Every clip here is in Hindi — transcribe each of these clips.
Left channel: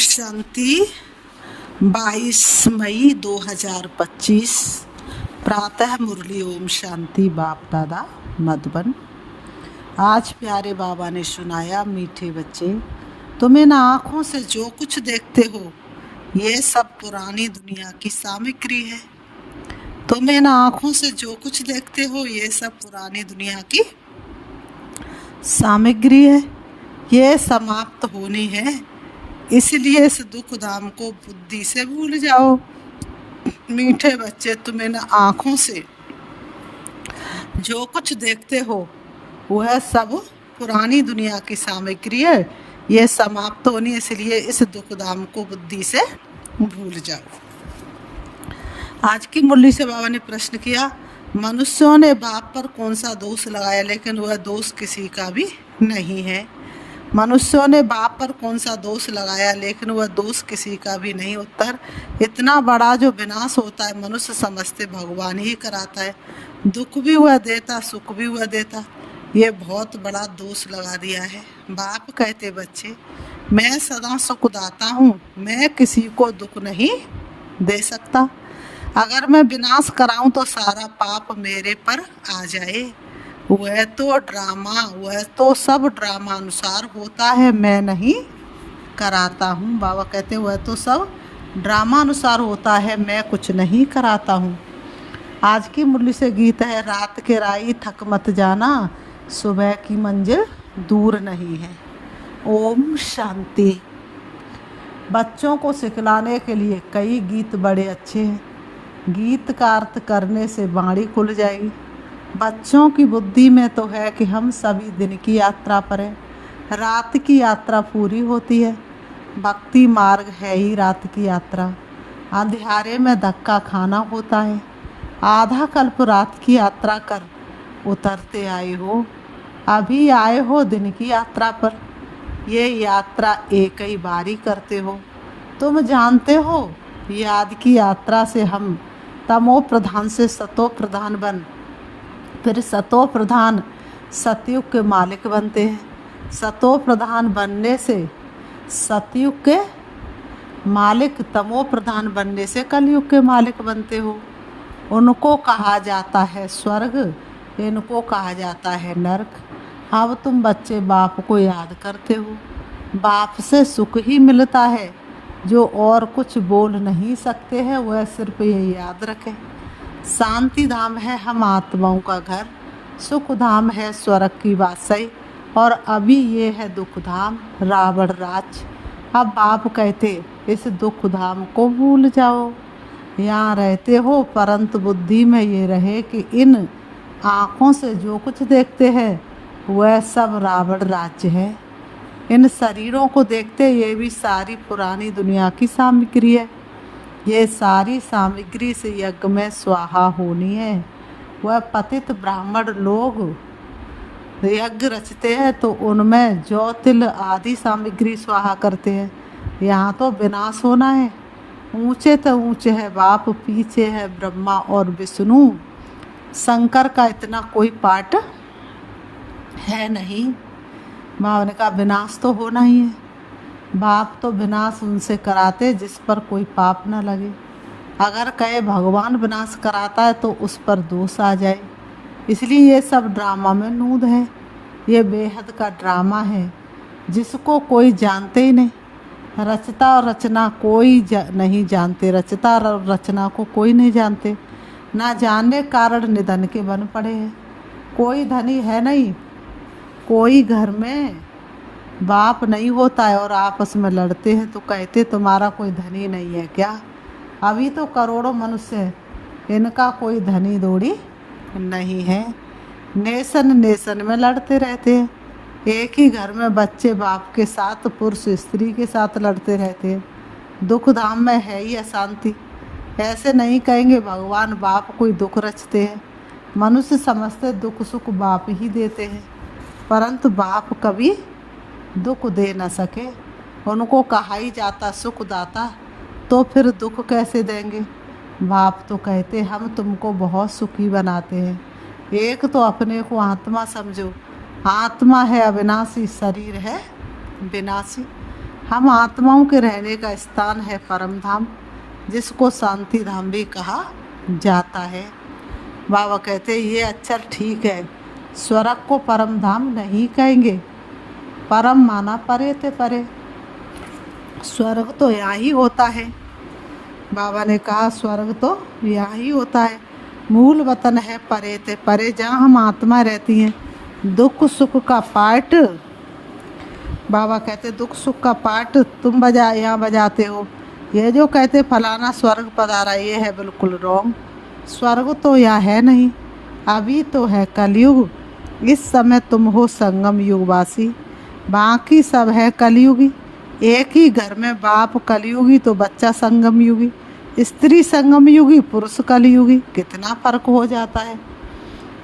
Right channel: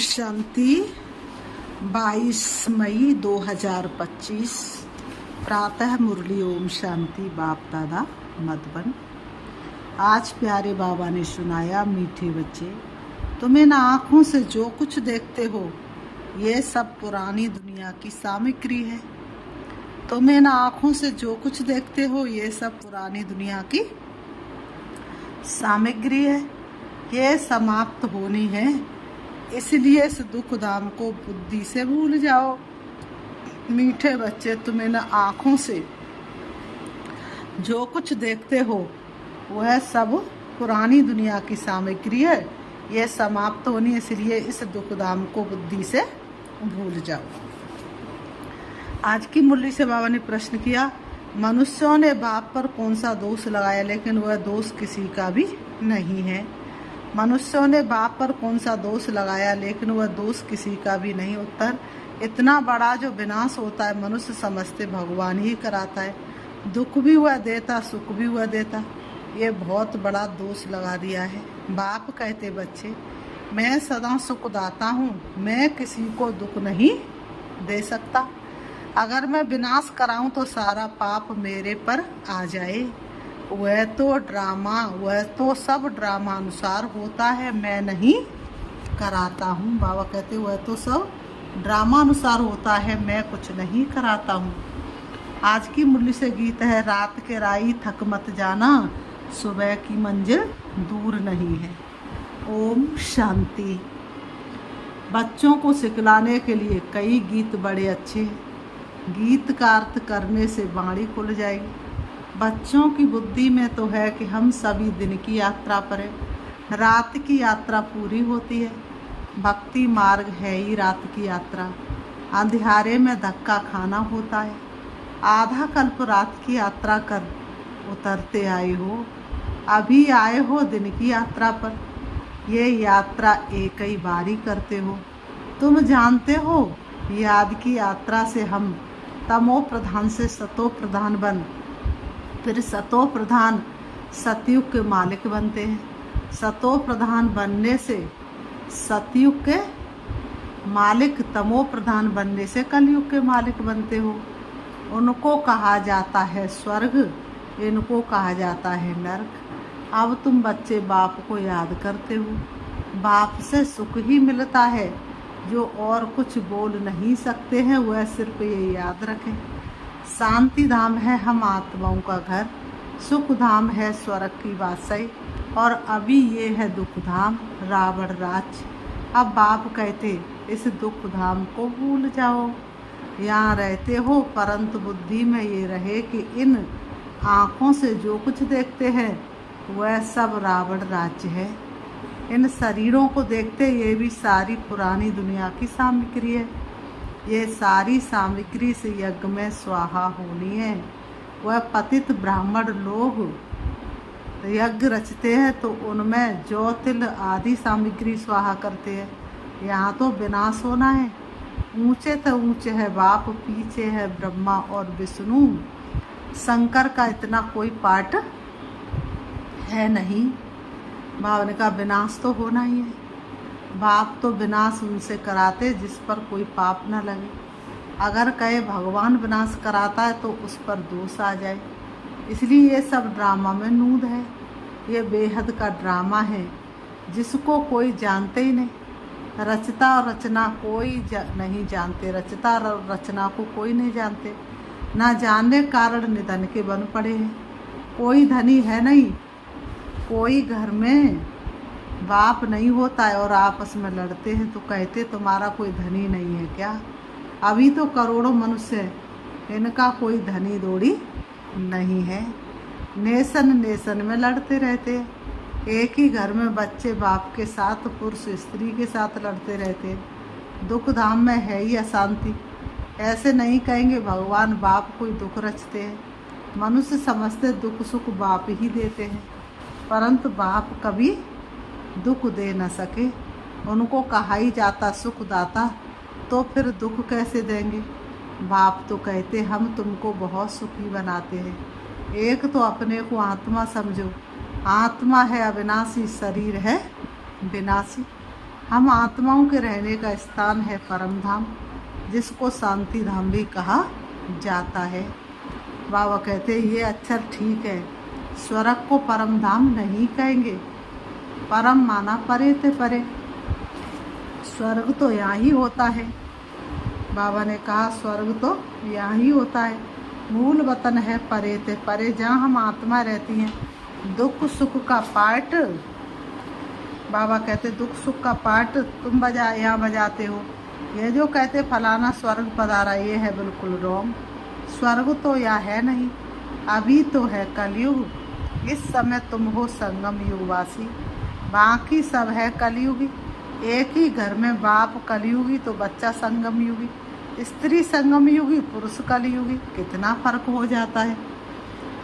शांति 22 मई 2025 प्रातः मुरली ओम शांति बाप दादा मधुबन। आज प्यारे बाबा ने सुनाया, मीठे बच्चे, तुम इन आँखों से जो कुछ देखते हो ये सब पुरानी दुनिया की सामग्री है। तुम इन आँखों से जो कुछ देखते हो ये सब पुरानी दुनिया की सामग्री है, ये समाप्त होनी है। इसलिए इस दुख धाम को बुद्धि से भूल जाओ। मीठे बच्चे, तुम इन आँखों से जो कुछ देखते हो वह सब पुरानी दुनिया की सामग्री है, यह समाप्त होनी, इसलिए इस दुख धाम को बुद्धि से भूल जाओ। आज की मुरली से बाबा ने प्रश्न किया, मनुष्यों ने बाप पर कौन सा दोष लगाया, लेकिन वह दोष किसी का भी नहीं है। मनुष्यों ने बाप पर कौन सा दोष लगाया, लेकिन वह दोष किसी का भी नहीं। उत्तर, इतना बड़ा जो विनाश होता है मनुष्य समझते भगवान ही कराता है। दुख भी वह देता, सुख भी वह देता। ये बहुत बड़ा दोष लगा दिया है। बाप कहते, बच्चे मैं सदा सुख दाता हूँ, मैं किसी को दुख नहीं दे सकता। अगर मैं विनाश कराऊं तो सारा पाप मेरे पर आ जाए। वह तो सब ड्रामा अनुसार होता है, मैं नहीं कराता हूँ। बाबा कहते वह तो सब ड्रामा अनुसार होता है, मैं कुछ नहीं कराता हूँ। आज की मुरली से गीत है, रात के राई थक मत जाना, सुबह की मंजिल दूर नहीं है। ओम शांति। बच्चों को सिखलाने के लिए कई गीत बड़े अच्छे हैं। गीत का अर्थ करने से बाणी खुल जाएगी। बच्चों की बुद्धि में तो है कि हम सभी दिन की यात्रा पर हैं, रात की यात्रा पूरी होती है। भक्ति मार्ग है ही रात की यात्रा। अंधियारे में धक्का खाना होता है। आधा कल्प रात की यात्रा कर उतरते आए हो, अभी आए हो दिन की यात्रा पर। ये यात्रा एक ही बारी करते हो। तुम जानते हो, याद की यात्रा से हम तमो प्रधान से सतो प्रधान बन, फिर सतो प्रधान सतयुग के मालिक बनते हैं। सतो प्रधान बनने से सतयुग के मालिक, तमो प्रधान बनने से कलयुग के मालिक बनते हो। उनको कहा जाता है स्वर्ग, इनको कहा जाता है नरक। अब तुम बच्चे बाप को याद करते हो। बाप से सुख ही मिलता है, जो और कुछ बोल नहीं सकते हैं। वह सिर्फ ये याद रखें, शांति धाम है हम आत्माओं का घर, सुख धाम है स्वर्ग की वासई, और अभी ये है दुख धाम रावण राज। अब बाप कहते इस दुख धाम को भूल जाओ। यहाँ रहते हो, परंतु बुद्धि में ये रहे कि इन आँखों से जो कुछ देखते हैं वह सब रावण राज्य है। इन शरीरों को देखते ये भी सारी पुरानी दुनिया की सामग्री है। ये सारी सामग्री से यज्ञ में स्वाहा होनी है। वह पतित ब्राह्मण लोग यज्ञ रचते हैं तो उनमें जौ तिल आदि सामग्री स्वाहा करते हैं। यहाँ तो विनाश होना है। ऊंचे तो ऊंचे है बाप, पीछे है ब्रह्मा और विष्णु। शंकर का इतना कोई पार्ट है नहीं। माँ ने कहा विनाश तो होना ही है। बाप तो विनाश उनसे कराते जिस पर कोई पाप न लगे। अगर कहे भगवान विनाश कराता है तो उस पर दोष आ जाए। इसलिए ये सब ड्रामा में नूद है। ये बेहद का ड्रामा है जिसको कोई जानते ही नहीं। रचता और रचना कोई नहीं जानते। रचता और रचना को कोई नहीं जानते। ना जानने कारण निधन के बन पड़े हैं। कोई धनी है नहीं। कोई घर में बाप नहीं होता है और आपस में लड़ते हैं तो कहते तुम्हारा कोई धनी नहीं है क्या। अभी तो करोड़ों मनुष्य है, इनका कोई धनी दौड़ी नहीं है। नेशन नेशन में लड़ते रहते हैं। एक ही घर में बच्चे बाप के साथ, पुरुष स्त्री के साथ लड़ते रहते हैं। दुख धाम में है ही अशांति। ऐसे नहीं कहेंगे भगवान बाप कोई दुख रचते हैं। मनुष्य समझते दुख सुख बाप ही देते हैं, परंतु बाप कभी दुख दे न सके। उनको कहा ही जाता सुख दाता, तो फिर दुख कैसे देंगे। बाप तो कहते हम तुमको बहुत सुखी बनाते हैं। एक तो अपने को आत्मा समझो। आत्मा है अविनाशी, शरीर है विनाशी। हम आत्माओं के रहने का स्थान है परम धाम, जिसको शांति धाम भी कहा जाता है। बाबा कहते ये अक्षर ठीक है, स्वर्ग को परम धाम नहीं कहेंगे। परम माना परे ते परे, स्वर्ग तो यहाँ ही होता है। बाबा ने कहा स्वर्ग तो यहाँ ही होता है, मूल वतन है परे ते परे, जहाँ हम आत्मा रहती हैं। दुख सुख का पाठ, बाबा कहते दुख सुख का पाठ तुम यहाँ बजाते हो। ये जो कहते फलाना स्वर्ग पधारा, ये है बिल्कुल रॉन्ग। स्वर्ग तो यहाँ है नहीं, अभी तो है कलयुग। इस समय तुम हो संगम युगवासी, बाकी सब है कलयुगी। एक ही घर में बाप कलयुगी तो बच्चा संगम युगी, स्त्री संगम युगी, पुरुष कलयुगी। कितना फर्क हो जाता है।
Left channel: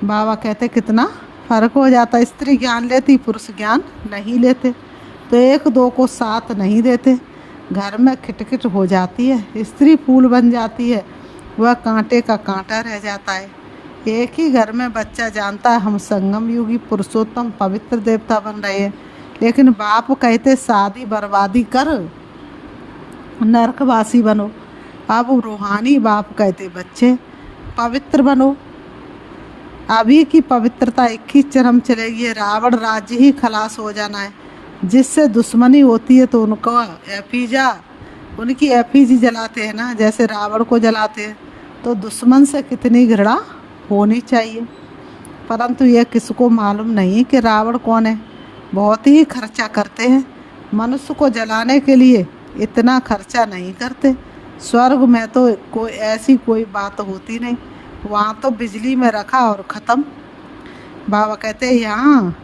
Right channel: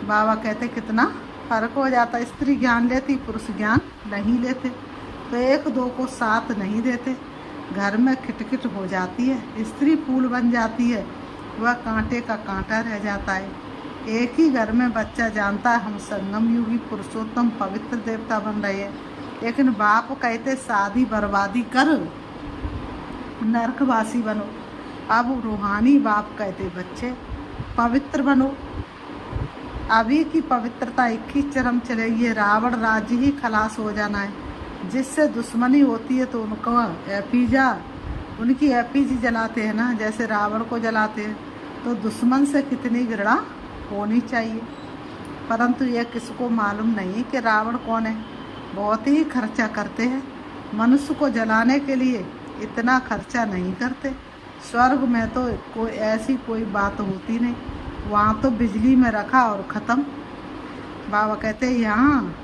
बाबा कहते कितना फर्क हो जाता है। स्त्री ज्ञान लेती, पुरुष ज्ञान नहीं लेते, तो एक दो को साथ नहीं देते। घर में खिटखिट हो जाती है, स्त्री फूल बन जाती है, वह कांटे का कांटा रह जाता है। एक ही घर में बच्चा जानता है हम संगम युगी पुरुषोत्तम पवित्र देवता बन रहे हैं, लेकिन बाप कहते शादी बर्बादी कर, नरकवासी बनो। अब रूहानी बाप कहते बच्चे पवित्र बनो। अभी की पवित्रता एक ही चरम चलेगी, रावण राज्य ही खलास हो जाना है। जिससे दुश्मनी होती है तो उनको उनकी एफिजी जलाते हैं ना, जैसे रावण को जलाते हैं। तो दुश्मन से कितनी घृणा होनी चाहिए, परंतु यह किसको मालूम नहीं कि रावण कौन है। बहुत ही खर्चा करते हैं, मनुष्य को जलाने के लिए इतना खर्चा नहीं करते। स्वर्ग में तो कोई बात होती नहीं, वहाँ तो बिजली में रखा और ख़त्म। बाबा कहते यहाँ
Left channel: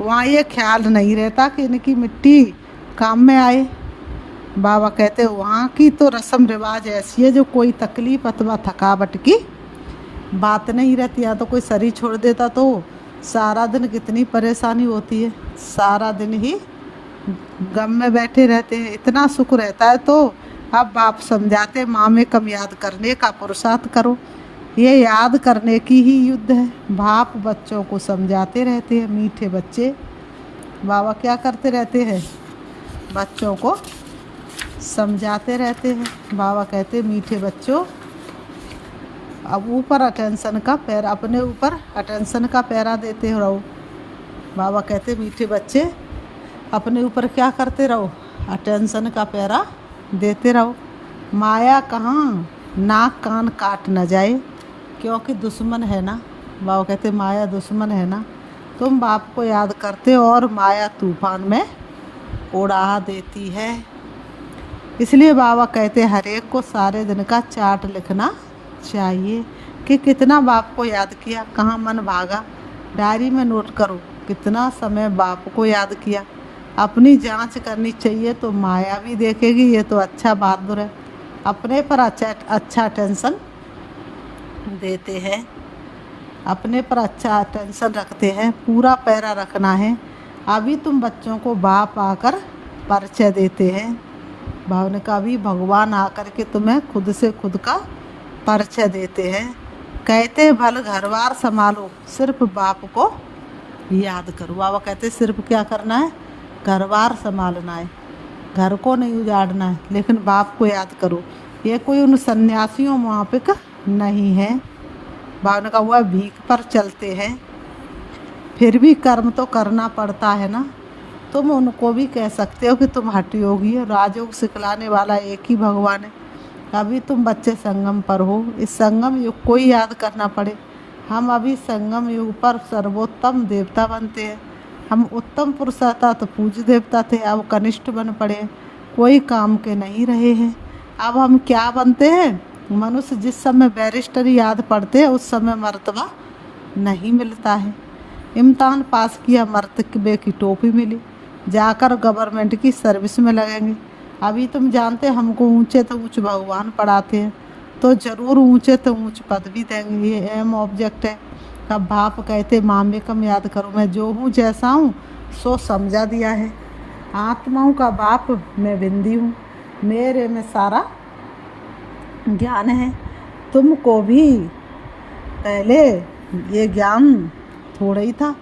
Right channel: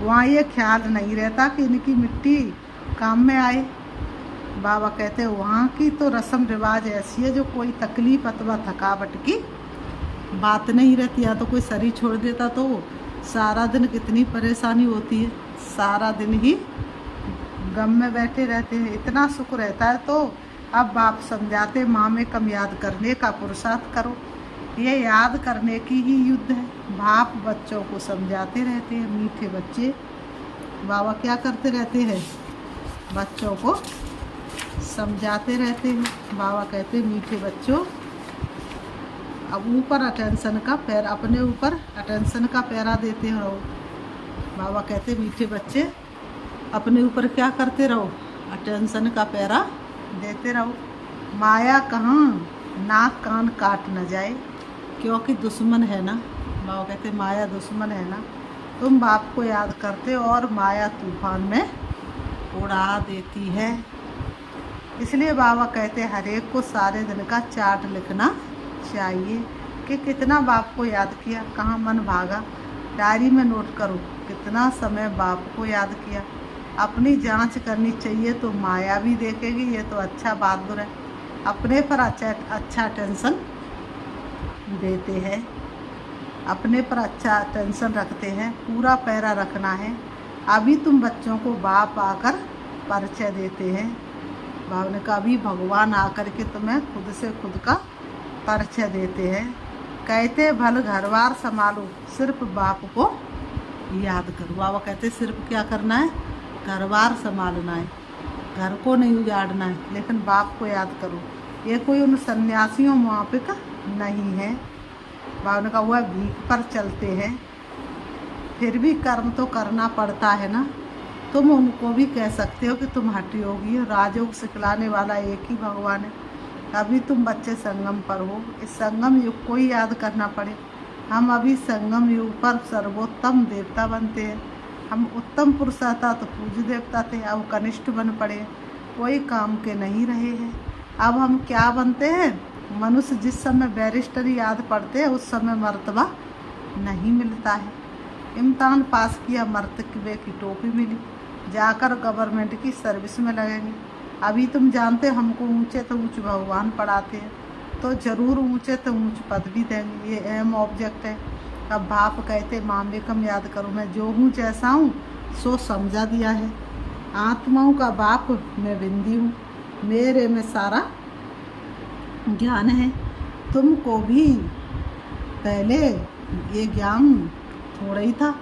वहाँ ये ख्याल नहीं रहता कि इनकी मिट्टी काम में आए। बाबा कहते वहाँ की तो रस्म रिवाज ऐसी है जो कोई तकलीफ अथवा थकावट की बात नहीं रहती। या तो कोई शरीर छोड़ देता तो सारा दिन कितनी परेशानी होती है, सारा दिन ही गम में बैठे रहते हैं। इतना सुख रहता है। तो अब बाप समझाते माँ में कम याद करने का पुरुषार्थ करो। ये याद करने की ही युद्ध है। बाप बच्चों को समझाते रहते हैं, मीठे बच्चे। बाबा क्या करते रहते हैं, बच्चों को समझाते रहते हैं। बाबा कहते मीठे बच्चों, अब ऊपर अटेंशन का पैरा, अपने ऊपर अटेंशन का पैरा देते रहो। बाबा कहते मीठे बच्चे अपने ऊपर क्या करते रहो, अटेंशन का पैरा देते रहो। माया कहाँ नाक कान काट न जाए, क्योंकि दुश्मन है ना। बाबा कहते माया दुश्मन है ना। तुम बाप को याद करते हो और माया तूफान में उड़ा देती है। इसलिए बाबा कहते हर एक को सारे दिन का चार्ट लिखना चाहिए कि कितना बाप को याद किया, कहाँ मन भागा। डायरी में नोट करो कितना समय बाप को याद किया। अपनी जांच करनी चाहिए तो माया भी देखेगी ये तो अच्छा बहादुर है, अपने पर अच्छा टेंशन देते हैं, अपने पर अच्छा टेंशन रखते हैं। पूरा पैरा रखना है। अभी तुम बच्चों को बाप आकर परिचय देते हैं। भाव ने कहा अभी भगवान आकर के तुम्हें खुद से खुद का परिचय देते हैं। कहते हैं भल घरबार संभालो, सिर्फ बाप को याद करो। बाबा कहते सिर्फ क्या करना है, घरबार संभालना है, घर को नहीं उजाड़ना है, लेकिन बाप को याद करो। ये कोई उन सन्यासियों मुआफिक नहीं है। बाबा ने कहा हुआ भीख पर चलते हैं, फिर भी कर्म तो करना पड़ता है ना। तुम उनको भी कह सकते हो कि तुम हठ योगी हो, राजयोग सिखलाने वाला एक ही भगवान है। अभी तुम बच्चे संगम पर हो, इस संगम युग को ही याद करना पड़े। हम अभी संगम युग पर सर्वोत्तम देवता बनते हैं। हम उत्तम पुरुष था तो पूज्य देवता थे, अब कनिष्ठ बन पड़े, कोई काम के नहीं रहे हैं। अब हम क्या बनते हैं, मनुष्य जिस समय बैरिस्टर याद पढ़ते हैं उस समय मर्तबा नहीं मिलता है। इम्तिहान पास किया, मर्तबे की टोपी मिली, जाकर गवर्नमेंट की सर्विस में लगेंगे। अभी तुम जानते हमको ऊंचे तो ऊंच भगवान पढ़ाते हैं, तो ज़रूर ऊंचे तो ऊंच पद भी देंगे। ये एम ऑब्जेक्ट है। तब बाप कहते माँ में कम याद करो, मैं जो हूँ जैसा हूँ सो समझा दिया है। आत्माओं का बाप मैं बिंदी हूँ, मेरे में सारा ज्ञान है। तुमको भी पहले ये ज्ञान थोड़ा ही था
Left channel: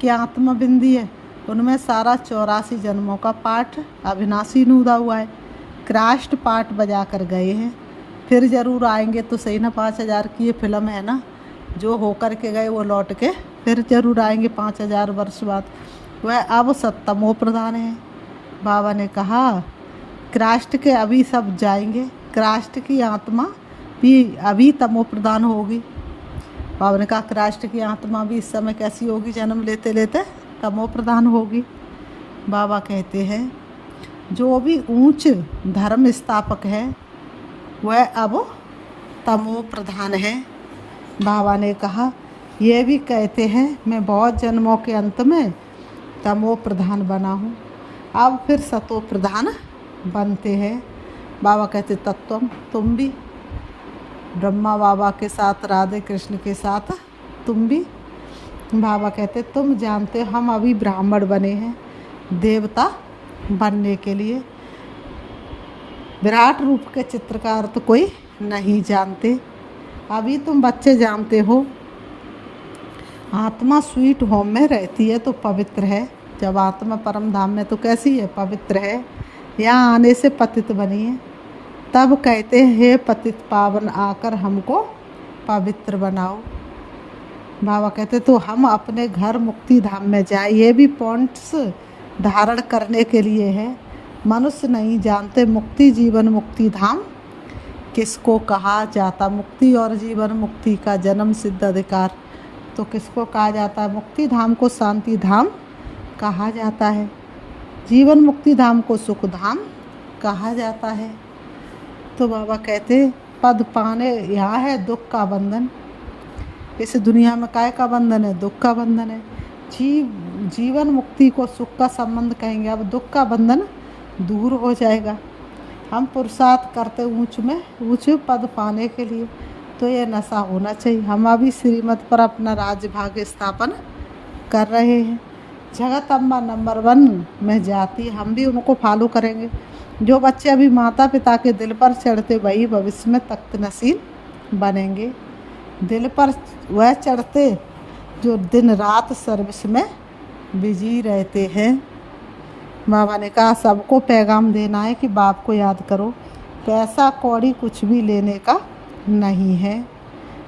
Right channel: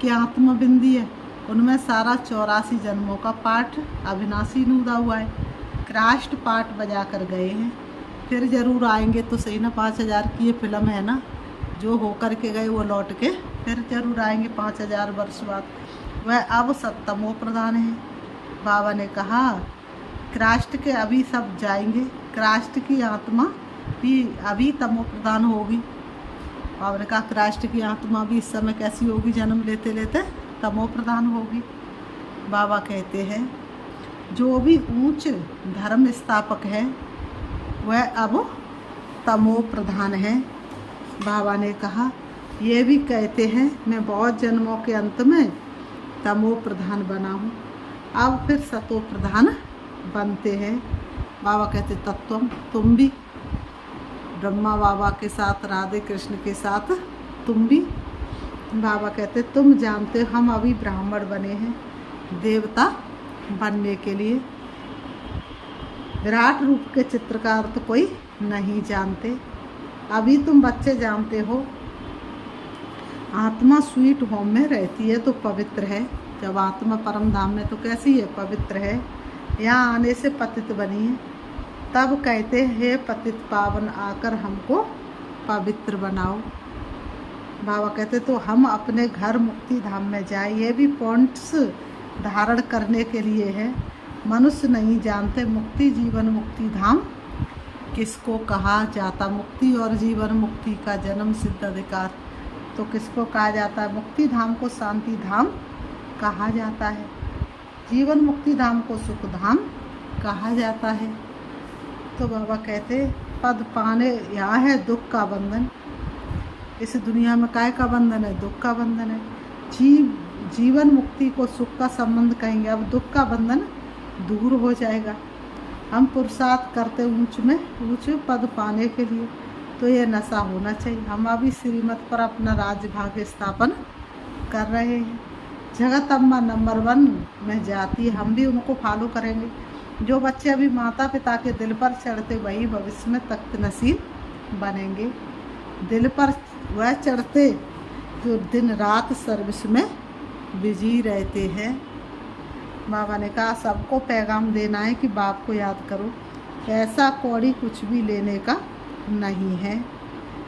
कि आत्मा बिंदी है, उनमें सारा 84 जन्मों का पाठ अविनाशी नूदा हुआ है। क्रास्ट पाठ बजा कर गए हैं, फिर ज़रूर आएंगे तो सही ना। 5000 की ये फिल्म है ना, जो होकर के गए वो लौट के फिर ज़रूर आएंगे 5000 वर्ष बाद। वह अब सत्तमो प्रधान है। बाबा ने कहा क्रास्ट के अभी सब जाएंगे, क्रास्ट की आत्मा भी अभी तमो प्रधान होगी। बाबा ने कहा क्रास्ट की आत्मा भी इस समय कैसी होगी, जन्म लेते लेते तमो प्रधान होगी। बाबा कहते हैं जो भी ऊंच धर्म स्थापक है वह अब तमो प्रधान है। बाबा ने कहा ये भी कहते हैं मैं बहुत जन्मों के अंत में तमो प्रधान बना हूँ, अब फिर सतो प्रधान बनते हैं। बाबा कहते तत्वम, तुम भी ब्रह्मा बाबा के साथ, राधे कृष्ण के साथ तुम भी। बाबा कहते तुम जानते हम अभी ब्राह्मण बने हैं देवता बनने के लिए। विराट रूप के चित्रकार तो कोई नहीं जानते, अभी तुम बच्चे जानते हो। आत्मा स्वीट होम में रहती है तो पवित्र है, जब आत्मा परम धाम में तो कैसी है, पवित्र है। यहाँ आने से पतित बनी है, तब कहते हैं हे पतित पावन आकर हमको पवित्र बनाओ। बाबा कहते तो हम अपने घर मुक्ति धाम में जाए, ये भी पॉइंट्स धारण करने के लिए है। मनुष्य नहीं जानते मुक्ति जीवन मुक्ति धाम किसको कहा जाता। मुक्ति और जीवन मुक्ति का जन्म सिद्ध अधिकार तो किसको कहा जाता है, मुक्ति धाम को शांति धाम कहा जाता है, जीवन मुक्ति धाम को सुख धाम कहा जाता है। तो बाबा कहते पद पाने यहाँ है दुख का बंधन, इस दुनिया में काय का बंधन है, दुख का बंधन है। जीवन मुक्ति को सुख का संबंध कहेंगे, अब दुख का बंधन दूर हो जाएगा। हम पुरुषार्थ करते ऊंच पद पाने के लिए, तो ये नशा होना चाहिए। हम अभी श्रीमत पर अपना राज्य भाग्य स्थापन कर रहे हैं। जगत अम्बा नंबर 1 में जाती, हम भी उनको फॉलो करेंगे। जो बच्चे अभी माता पिता के दिल पर चढ़ते वही भविष्य में तख्त नसीब बनेंगे। दिल पर वह चढ़ते जो दिन रात सर्विस में बिजी रहते हैं। बाबा ने कहा सबको पैगाम देना है कि बाप को याद करो, पैसा कौड़ी कुछ भी लेने का नहीं है।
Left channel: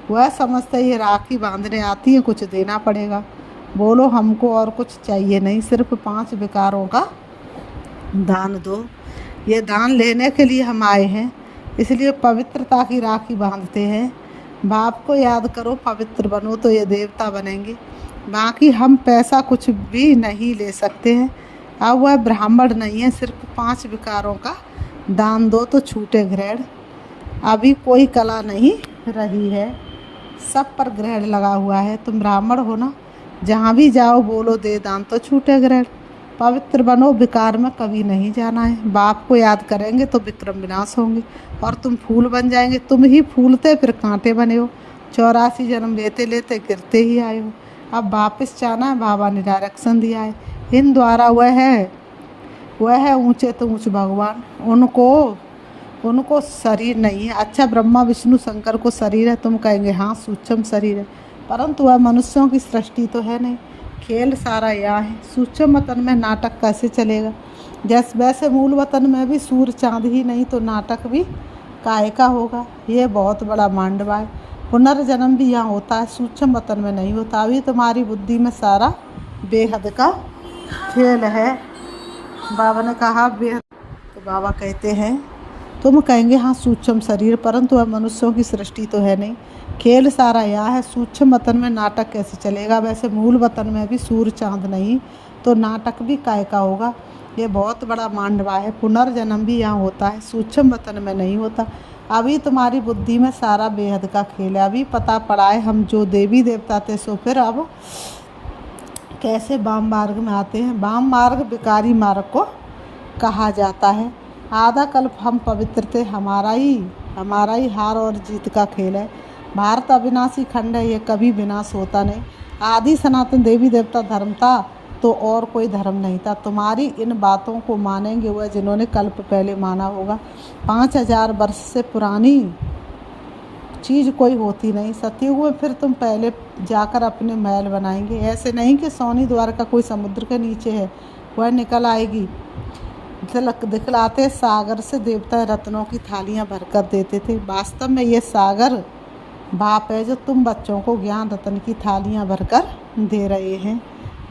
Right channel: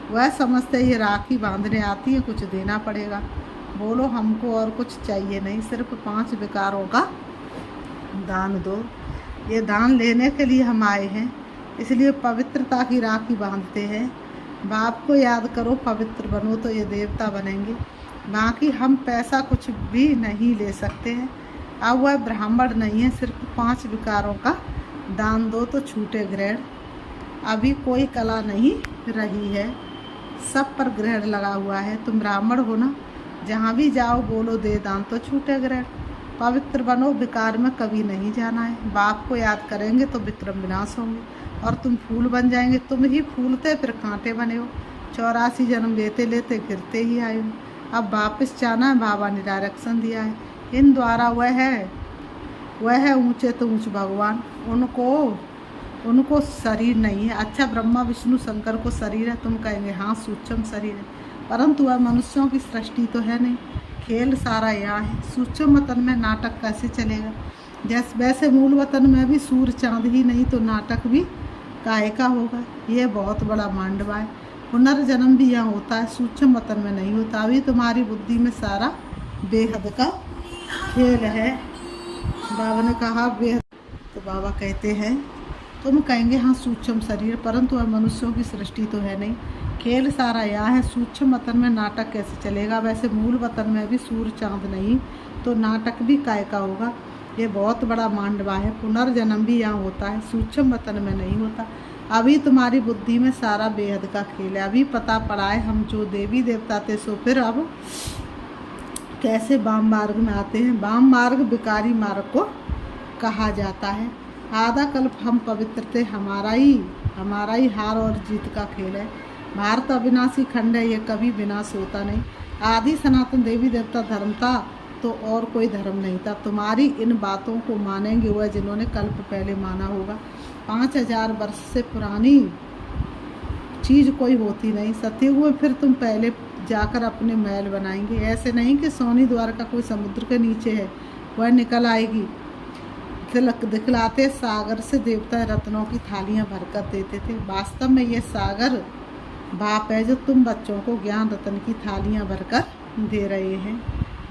वह समझते ये राखी बांधने आती है, कुछ देना पड़ेगा। बोलो हमको और कुछ चाहिए नहीं, सिर्फ 5 विकारों का दान दो। ये दान लेने के लिए हम आए हैं, इसलिए पवित्रता की राखी बांधते हैं। बाप को याद करो, पवित्र बनो तो ये देवता बनेंगे। बाकी हम पैसा कुछ भी नहीं ले सकते हैं। अब वह ब्राह्मण नहीं है, सिर्फ 5 विकारों का दान दो तो छूटे ग्रहण। अभी कोई कला नहीं रही है, सब पर ग्रहण लगा हुआ है। तुम ब्राह्मण हो ना, जहाँ भी जाओ बोलो दे दान तो छूटे ग्रहण। पवित्र बनो, विकार में कभी नहीं जाना है। बाप को याद करेंगे तो विक्रम विनाश होंगे और तुम फूल बन जाएंगे। तुम ही फूलते फिर कांटे बने हो, 84 जन्म लेते लेते गिरते ही आए हो। अब वापस जाना है, बाबा ने डायरेक्शन दिया है। इन द्वारा वह है ऊंचे तो ऊंच भगवान, उनको शरीर नहीं है। अच्छा कैसे विष्णु शंकर को शरीर है, तुम कहेंगे हाँ सूक्ष्म शरीर है, परंतु वह मनुष्यों की सृष्टि तो है नहीं। खेल सारा यहाँ है। सूक्ष्म वतन में नाटक कैसे चलेगा, जैसे वैसे मूल वतन में भी सूर्य चांद ही नहीं तो नाटक भी काय का होगा। ये बहुत बड़ा मांडवा है। पुनर्जन्म भी यहाँ होता है, सूक्ष्म वतन में नहीं होता। अभी तुम्हारी बुद्धि में सारा बेहद का खेल है। बाबा ने कहा बेहद, तो बाबा कहते हैं तुम कहेंगे हाँ सूक्ष्म शरीर, परंतु वह मनुष्यों की सृष्टि तो है नहीं। खेल सारा यहाँ है। सूक्ष्म वतन में नाटक कैसे चलेगा, वैसे मूल वतन में भी सूर्य चांद नहीं तो नाटक भी काय का होगा। ये बहुत बड़ा मांडवा है। पुनर्जन्म भी यहाँ होता है, सूक्ष्म वतन में नहीं होता। अभी तुम्हारी बुद्धि में सारा बेहद का खेल है। अभी पता पड़ा है हम जो देवी देवता थे सो फिर अब कैसे वाम मार्ग में आते हैं। वाम मार्ग विकारी मार्ग को कहा जाता है। आधा कल्प हम पवित्र थे, हमारा ही हार और जीत का खेल है। भारत अविनाशी खंड है, ये कभी विनाश होता नहीं। आदि सनातन देवी देवता धर्म था तो और कोई धर्म नहीं था। तुम्हारी इन बातों को मानेंगे वह जिन्होंने कल्प पहले माना होगा। 5000 वर्ष से पुरानी चीज़ कोई होती नहीं। सतयुग में फिर तुम पहले जाकर अपने महल बनाएंगे। ऐसे नहीं कि सोनी द्वार का कोई समुद्र के नीचे है, वह निकल आएगी। दिखलाते सागर से देवता रत्नों की थालियां भरकर देते थे। वास्तव में ये सागर बाप है जो तुम बच्चों को ज्ञान रत्न की थालियां भरकर दे रहे हैं।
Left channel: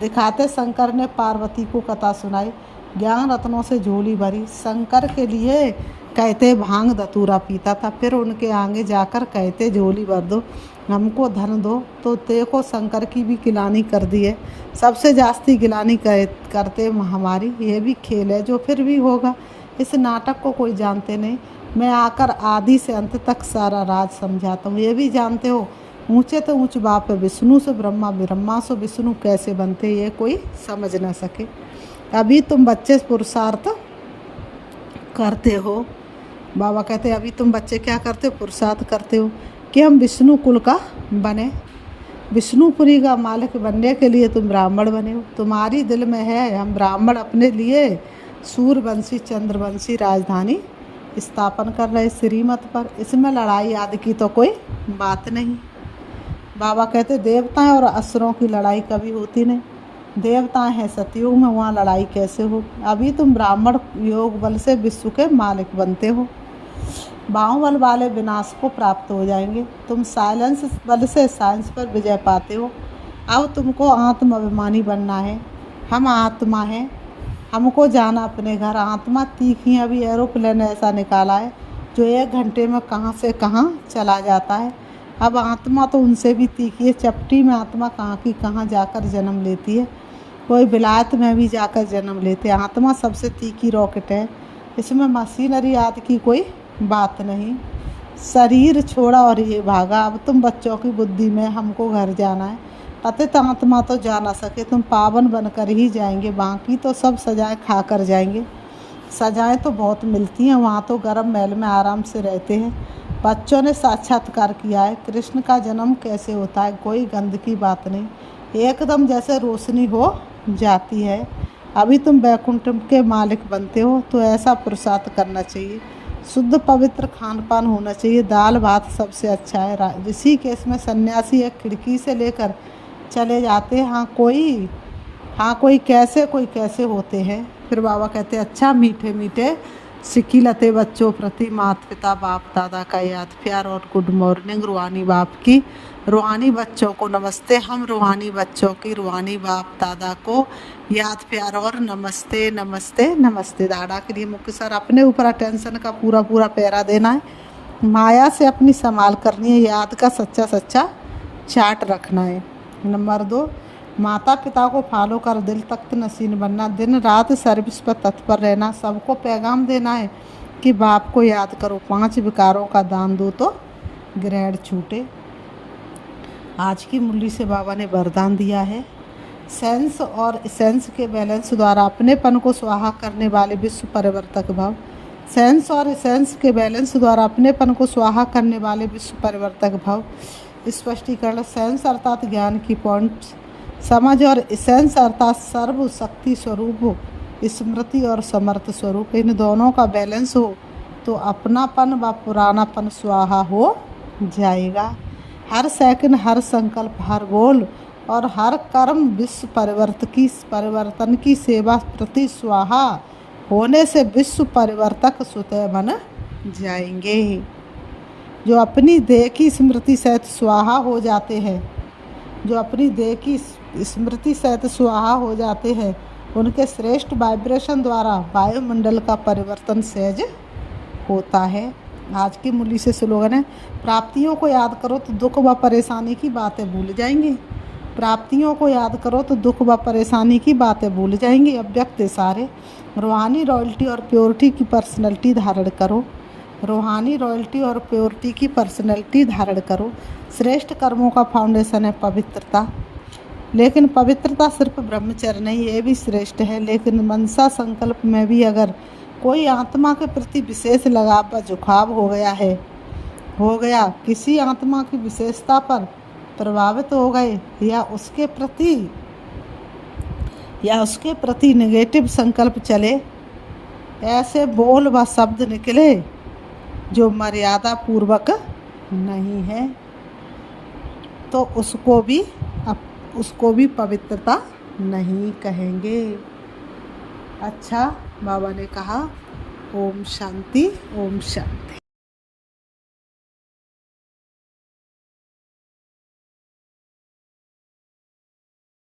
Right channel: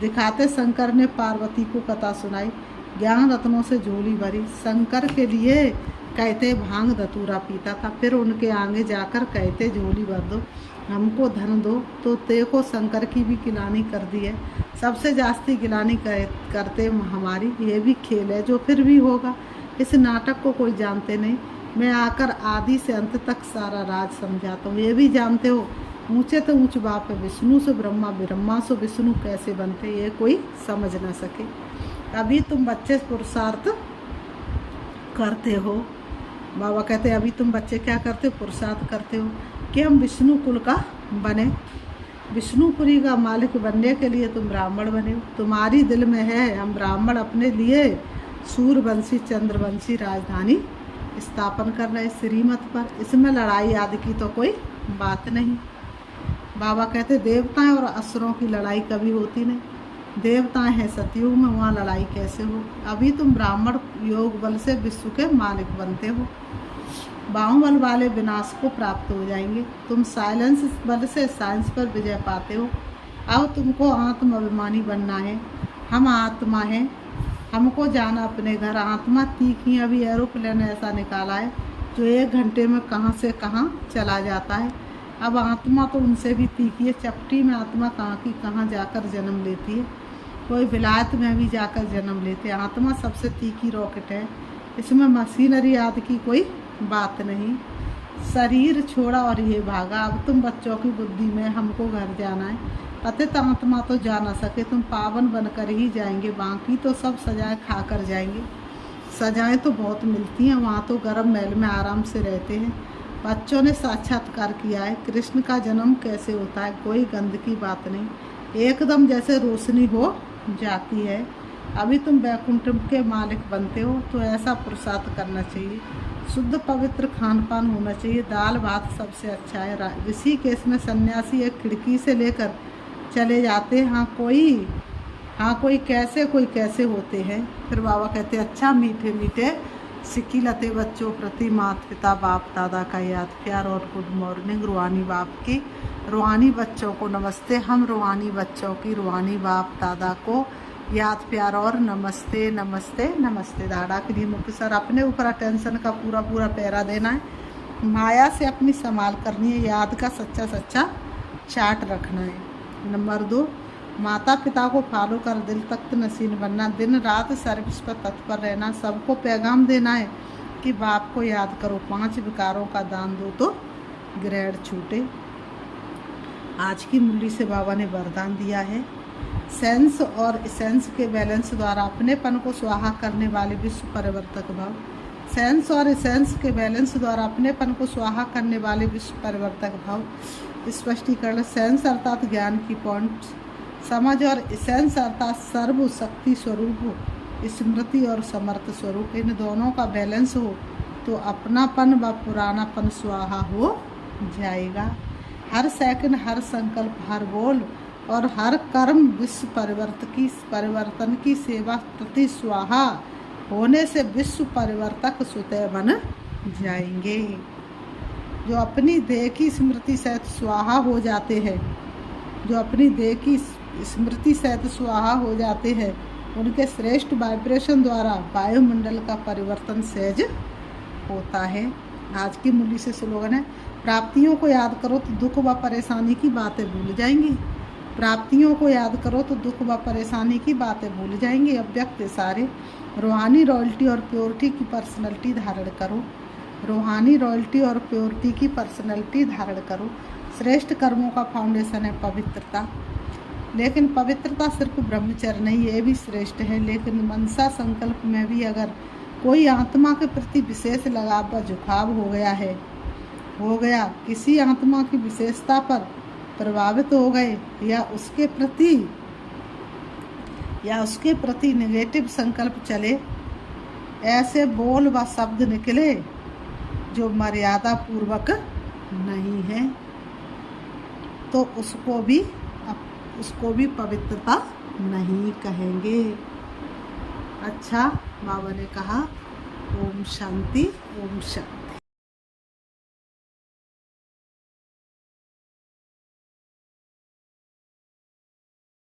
दिखाते शंकर ने पार्वती को कथा सुनाई, ज्ञान रत्नों से झोली भरी। शंकर के लिए कहते भांग धतूरा पीता था, फिर उनके आगे जाकर कहते झोली भर दो, हमको धन दो। तो देखो शंकर की भी गिलानी कर दी है, सबसे जास्ती गिलानी करते हमारी। ये भी खेल है जो फिर भी होगा। इस नाटक को कोई जानते नहीं, मैं आकर आदि से अंत तक सारा राज समझाता हूँ। ये भी जानते हो ऊंचे तो ऊंच बाप है विष्णु से ब्रह्मा, ब्रह्मा से विष्णु कैसे बनते ये कोई समझ ना सके। अभी तुम बच्चे पुरुषार्थ करते हो। बाबा कहते अभी तुम बच्चे क्या करते हो? पुरुषार्थ करते हो कि हम विष्णु कुल का बने, विष्णुपुरी का मालिक बनने के लिए तुम ब्राह्मण बने हो। तुम्हारी दिल में है हम ब्राह्मण अपने लिए सूर्यवंशी चंद्रवंशी राजधानी स्थापन कर रहे श्रीमत पर। इसमें लड़ाई आदि की तो कोई बात नहीं। बाबा कहते देवताएं और असुरों की लड़ाई कभी होती नहीं। देवताएं हैं सतयुग में, वहाँ लड़ाई कैसे हो? अभी तुम ब्राह्मण योग बल से विश्व के मालिक बनते हो। बाहुबल वाले विनाश को प्राप्त हो जाएंगे। तुम साइलेंस बल से साइंस पर विजय पाते हो। अब तुमको आत्म अभिमानी बनना है। हम आत्मा हैं, हमको जाना अपने घर। आत्मा तीखी अभी एरोप्लेन ऐसा निकाला है जो 1 घंटे में कहाँ से कहाँ चला जाता है। अब आत्मा तो उनसे भी तीखी है। चपटी में आत्मा कहाँ की कहाँ जाकर जन्म लेती है, कोई विलायत में भी जाकर जन्म लेते हैं। आत्मा सबसे तीखी रॉकेट है, इसमें मशीनरी आदि की कोई बात नहीं। शरीर छोड़ा और ये भागा। अब तुम बच्चों की बुद्धि में हमको घर जाना है। पतित आत्मा तो जा ना सके, तुम पावन बनकर ही जाएंगे। बाकी तो सब सजाएं खा कर जाएंगे। सजाएं तो बहुत मिलती हैं, वहाँ तो गर्म महल में आराम से रहते हैं। बच्चों ने साक्षात्कार किया है कृष्ण का जन्म कैसे होता है, कोई गंद की बात नहीं, एकदम जैसे रोशनी हो जाती है। अभी तुम वैकुंठ के मालिक बनते हो तो ऐसा पुरुषार्थ करना चाहिए। शुद्ध पवित्र खान पान होना चाहिए। दाल भात सबसे अच्छा है। ऋषि केस में सन्यासी एक खिड़की से लेकर चले जाते हैं। कोई कैसे होते हैं। फिर बाबा कहते अच्छा मीठे मीठे सिक्की लते बच्चों प्रति माता पिता बाप दादा का याद प्यार और गुड मॉर्निंग। रूहानी बाप की रूहानी बच्चों को नमस्ते। हम रूहानी बच्चों की रूहानी बाप दादा को याद प्यार और नमस्ते नमस्ते नमस्ते। दादा के लिए मुख्य सर अपने ऊपर अटेंशन का पूरा पैरा देना है। माया से अपनी संभाल करनी है। याद का सच्चा चार्ट रखना है। नंबर 2, माता पिता को फॉलो कर दिल तख्त नसीन बनना। दिन रात सर्विस पर तत्पर रहना। सबको पैगाम देना है कि बाप को याद करो। 5 विकारों का दान दो तो ग्रहण छूटे। आज की मुरली से बाबा ने वरदान दिया है। सेंस और इसेंस के बैलेंस द्वारा अपनेपन को स्वाहा करने वाले विश्व परिवर्तक भाव। सेंस और इसेंस के बैलेंस द्वारा अपनेपन को स्वाहा करने वाले विश्व परिवर्तक भाव। स्पष्टीकरण। सेंस अर्थात ज्ञान की पॉइंट समझ और इसेंस अर्थात सर्व शक्ति स्वरूप स्मृति और समर्थ स्वरूप। इन दोनों का बैलेंस हो तो अपनापन व पुरानापन स्वाहा हो जाएगा। हर सेकंड, हर संकल्प, हर बोल और हर कर्म विश्व परिवर्तन की सेवा प्रति स्वाहा होने से विश्व परिवर्तक स्वतः बन जाएंगे। जो अपनी देह की स्मृति सहित स्वाहा हो जाते हैं, उनके श्रेष्ठ वाइब्रेशन द्वारा वायुमंडल का परिवर्तन सहज होता है। आज की मुरली से स्लोगन है प्राप्तियों को याद करो तो दुख व परेशानी की बातें भूल जाएंगे। प्राप्तियों को याद करो तो दुख व परेशानी की बातें भूल जाएंगे। अव्यक्त सारे रूहानी रॉयल्टी और प्योरिटी की पर्सनैलिटी धारण करो। रूहानी रॉयल्टी और प्योरिटी की पर्सनैलिटी धारण करो। श्रेष्ठ कर्मों का फाउंडेशन है पवित्रता। लेकिन पवित्रता सिर्फ ब्रह्मचर्य नहीं, ये भी श्रेष्ठ है। लेकिन मनसा संकल्प में भी अगर कोई आत्मा के प्रति विशेष लगाव व झुकाव हो गया, किसी आत्मा की विशेषता पर प्रभावित हो गए या उसके प्रति नेगेटिव संकल्प चले, ऐसे बोल व शब्द निकले जो मर्यादा पूर्वक नहीं है तो उसको भी पवित्रता नहीं कहेंगे। अच्छा, बाबा ने कहा ओम शांति, ओम शांति।